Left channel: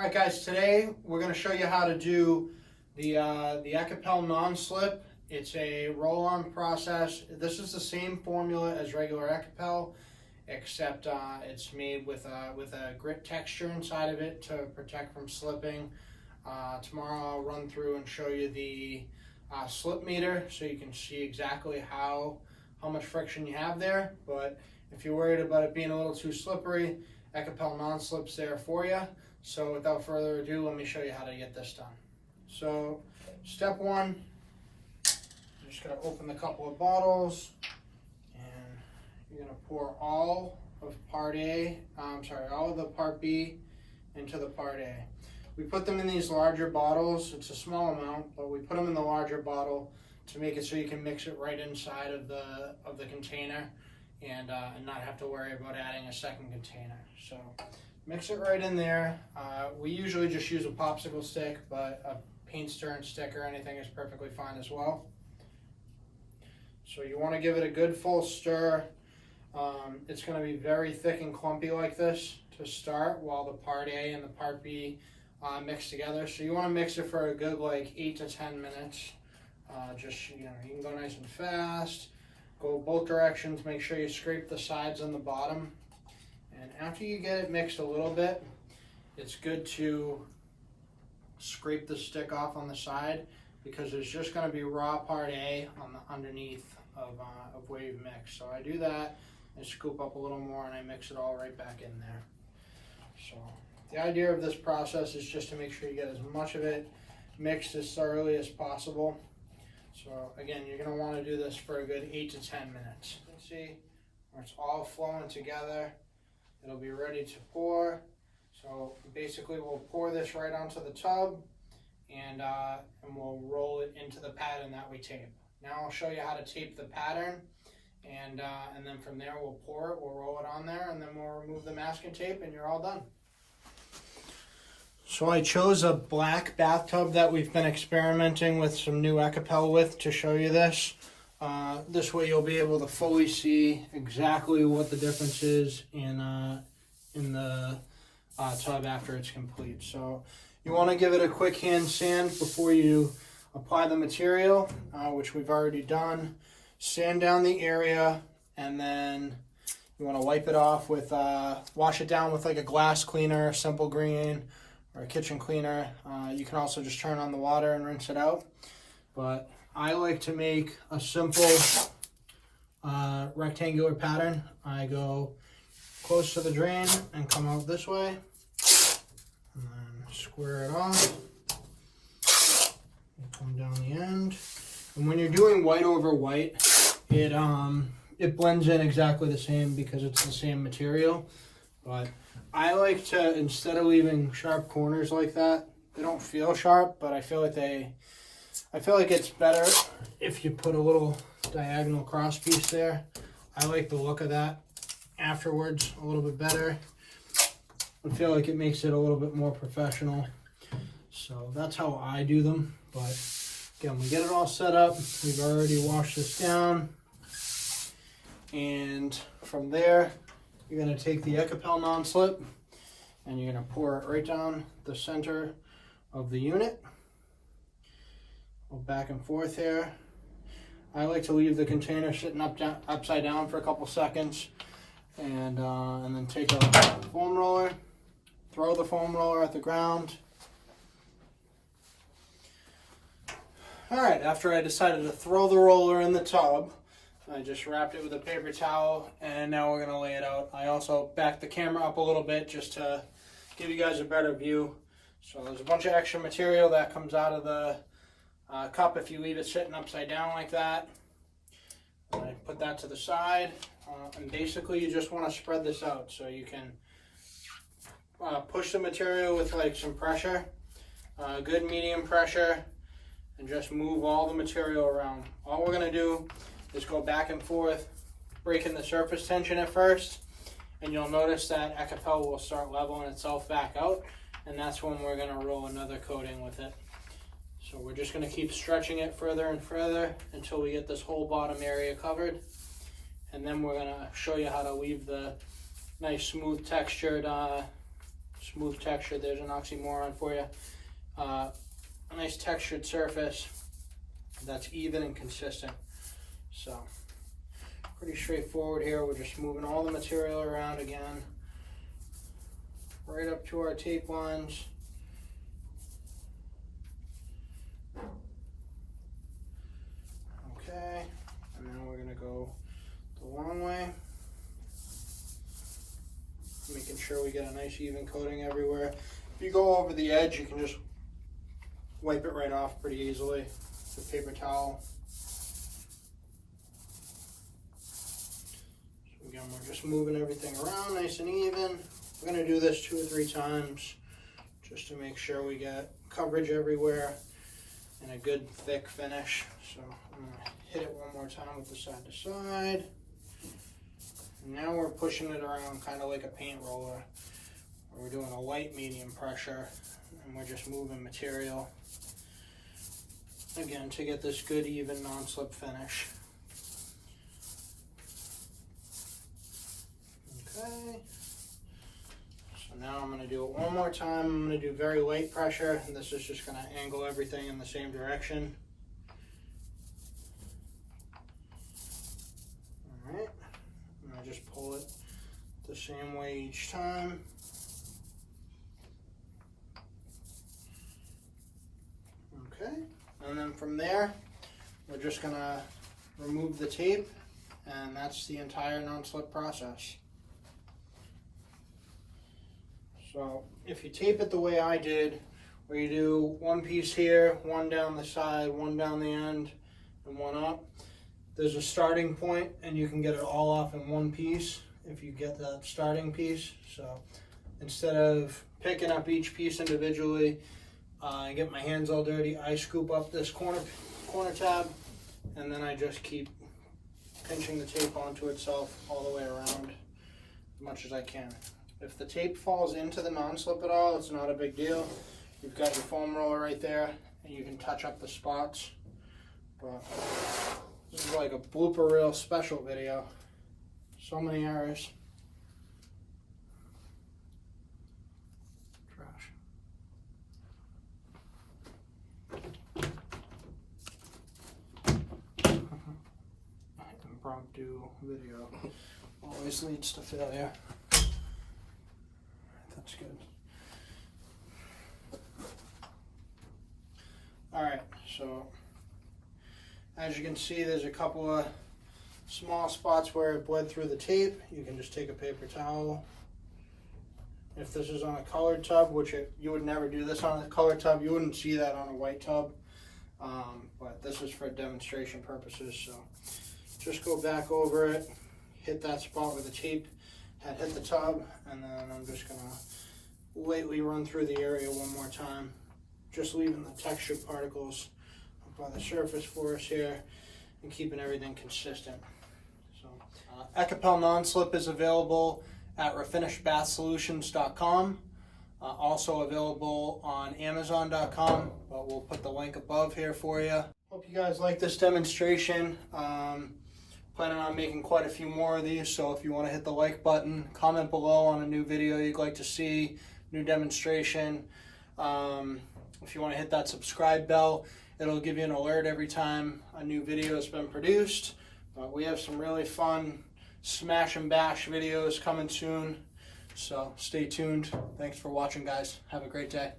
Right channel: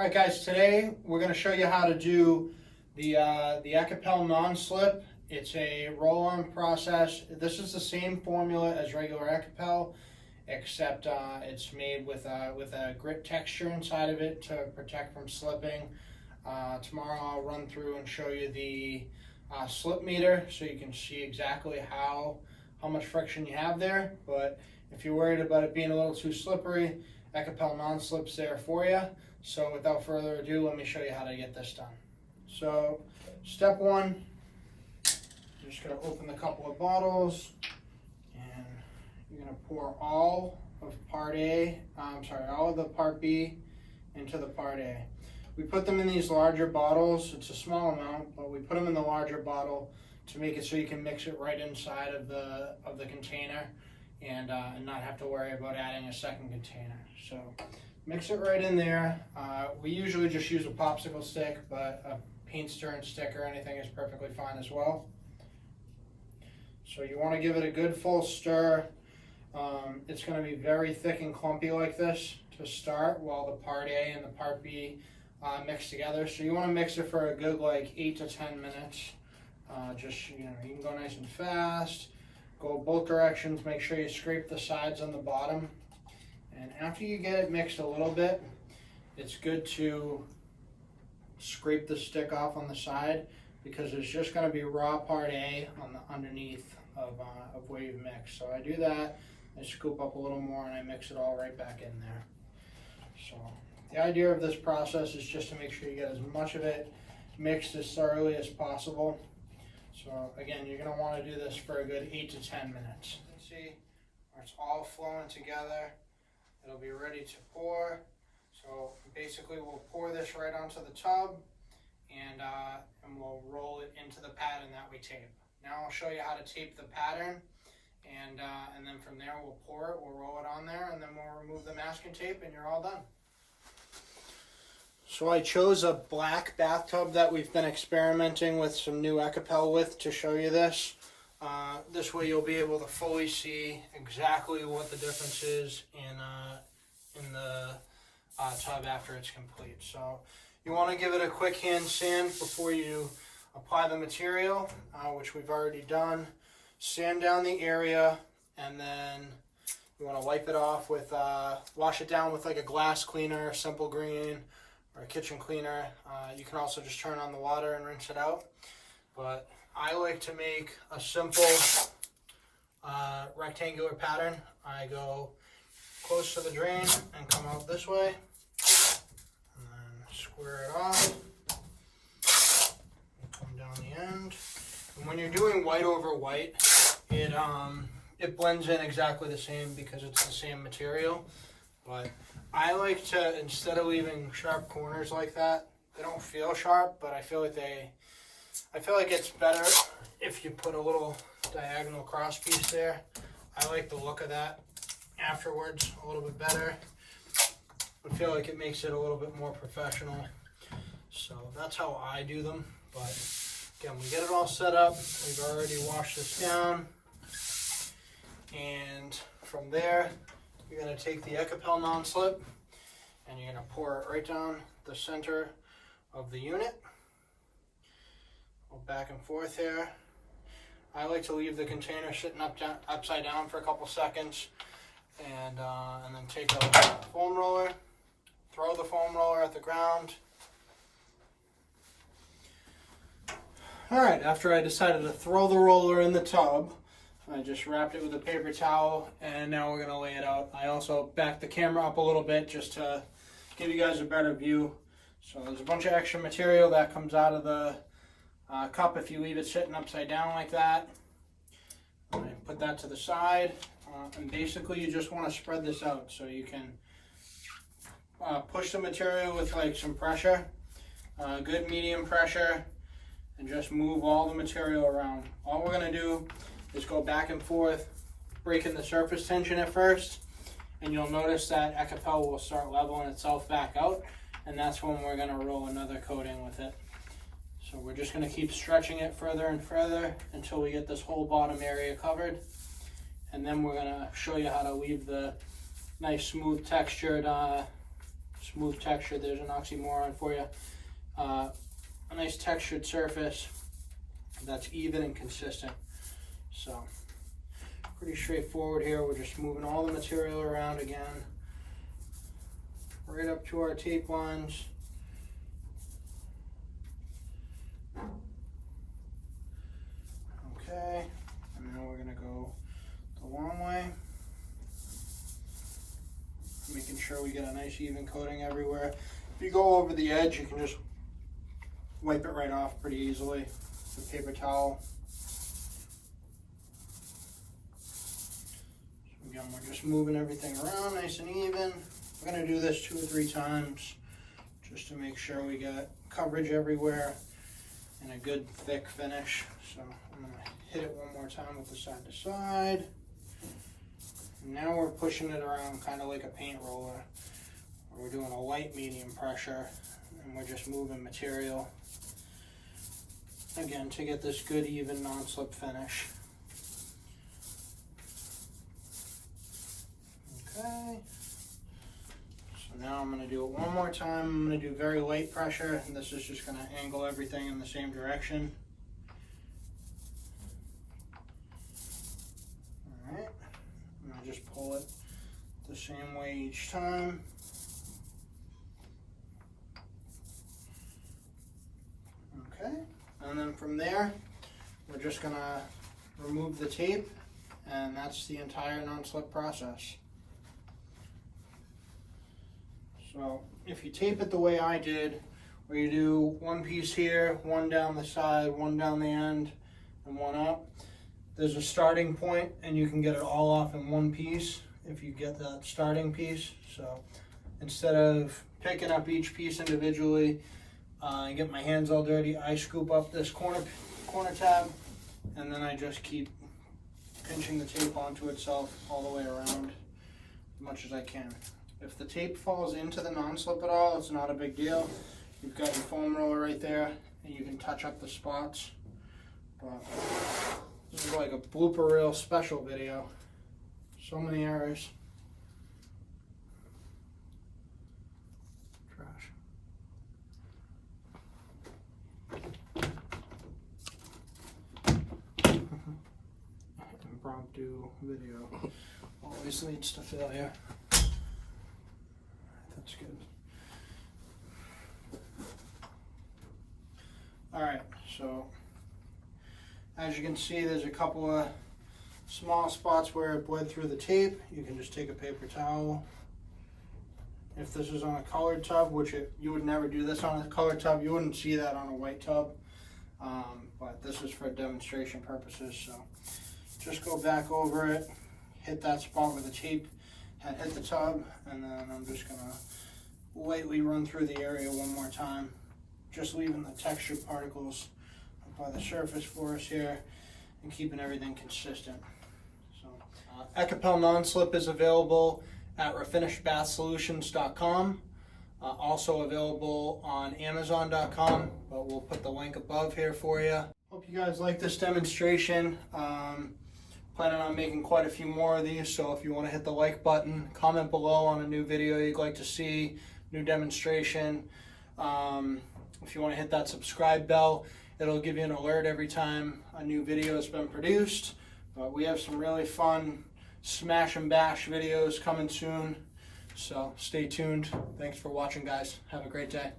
All right, guys, today we're going to show you how to do the Ekopel Non-Slip. It's a roll-on process. This is the same formula as regular Ekopel, except it's made with a grit texture inside of it to protect from slipping. Tomorrow I'll run through and show you the slip meter so you can see exactly how much friction you have there. But if you're worried about it being a little too slippery, Ekopel Non-Slip's there for you. So without further ado, let me show you how to get this done. So step one, you're just going to open the couple of bottles and you're going to pour all of all of the part B into the part A. We put them in these larger bottles. It's a small amount, but we put them in the larger bottle to make it so you can mix it right inside of the container and not have to worry about adding a second container. So mix it right in there. We usually just use a popsicle stick, but a paint stirring stick or anything is perfectly fine as well. So you want to give it a good full stir. It's going to be very thick and clumpy like this to start while the part A and the part B mix together. So you want to mix it for a good 8 to 10 minutes. You can go nice and fast. Go both directions. Make sure you scrape the sides and the bottom. And after you get it mixed a little bit, it's good to scrape the stick off on the side because there's just going to be raw part A on the underneath of where you've mixed. So I do that, I scoop up a little more and I mix it all right back in there. So the idea of this process is just to make sure you get as much of it mixed as thoroughly as possible. So again, you're going to want to do this for a good 8 to 10 minutes. You can see where it's all flowing together. It'll be ready to pour. So basically we'll pour this right onto the tub and we'll roll it into the pattern that we tape. Now I'll show you how to tape the pattern and then from there we'll pour it, we'll roll it on there, and then we'll remove the masking tape and you're all done. So I chose a black bathtub that we've been experimenting with some new Ekopel with to show you this. This way you'll be able to fully see exactly what the difference is in the tub after it's complete. So you want to give it a quick hand sand before you apply the material, which we've already done. Sand down the area, and then you want to wipe it off with, wash it down with a glass cleaner, Simple Green, or a kitchen cleaner. You can also just turn on the water and rinse it out. But I like to make a simple rectangular pattern. I go close to the drain and come out this way, and then square it off, and come down the end. And when you're doing white over white, it blends in exactly the same because it's the same material. But I like to, instead of leaving sharp corners like that, they don't feel sharp, but I feel like it's better if you put a little diagonal cross piece there. I like the look of that afterwards a little bit better. I feel like it makes it a little bit more professional. So that's how I do them. But again, we get it all set up. We've already washed this down. And from there, you're going to take the Ekopel Non-Slip and you're going to pour it right down the center of the unit. Go back and forth here. I like to leave the container sitting upside down for a couple seconds, and then take a foam roller, throw the foam roller at the ground. All right, after I decided to throw the roller in the tub, I just wrapped it with a paper towel, and now we're going to lay it out. I also backed the camera up a little bit just to give you guys a better view. So there's a bunch of extra material that comes out of the cup if you leave it sitting upside down like that. And I put that to the side, and basically you just want to spread this out so you can push the material with some pressure, good medium pressure, and just move all the material around. All we're going to do is go back and forth, breaking the surface tension at first, and you'll notice that Ekopel will start leveling itself back out, and that's when we're going to roll another coating with it. So we're just going to keep stretching it further and further until we get this whole bottom area covered. And then we're going to show you how to leave the nice smooth textured smooth texture. There's an oxymoron for you. A nice textured surface that's even and consistent. So pretty straightforward here. We're just moving all the material around again, right up to our tape lines. Okay, and then we're gonna go the long way, making sure we get a nice even coating everywhere. If you go over the edge, you can just wipe it right off pretty easily with a paper towel. So again, we're just moving everything around nice and even. We're going to do this 2 or 3 times just to make sure we get coverage everywhere and a good thick finish. So I'm going to hit it one more time with the side to side. And now we're pushing it around kind of like a paint roller. We're doing a light medium pressure, and we're just moving material again to get this good even non-slip finish. Okay, so now I'm going to do it one more time. I'm going to do very light pressure, and this is just going to angle everything in the same direction. Alright, I'm going to just pull it the same way each time. Okay, and then from there, we're just gonna remove the tape, and that's the entire non-slip process. So if you tape it the way I did, where you do one piece here, one down the side, one down the end, and one up, there's a starting point, and you can get it all off in one piece if you get that starting piece. So instead of picking up each piece individually, I get my hands all dirty, I scoop up this corner tab, and then I just keep pinching the tape onto itself all the way around as much as I can. If the tape falls into the non-slip at all, it's not a big deal. You've got your foam roller right there, and you can touch up the spots. But this is like a blooper reel special video. So many errors. Impromptu video always leads to failure. That's good. Alright, so as you can see, there's a couple of small spots where it bled through the tape. You can just take a paper towel. If this is on a colored tub, which you would never do this on a colored tub, you wouldn't see that on a white tub. But this is for demonstration purposes, so just go back over it, hit that spot where the tape had hit the tub, and then I'm just gonna lightly run through the area one more time, just leaving the textured particles up by the surface for us here and keeping everything consistent. So Ekopel Non-Slip is available at refinishedbathsolutions.com. Also available on Amazon.com, but we'll put the link above here for you. Hope you guys like this demonstration. Planning on making quite a few more of these, so if you want to hit the like button, comment below on a new video you'd like to see, new demonstration. If you want to hit that subscribe bell, it'll give you an alert every time a new video has been produced. But we have some really fun smash and bash videos coming soon. So stay tuned. Thanks for watching, guys. Have a great day.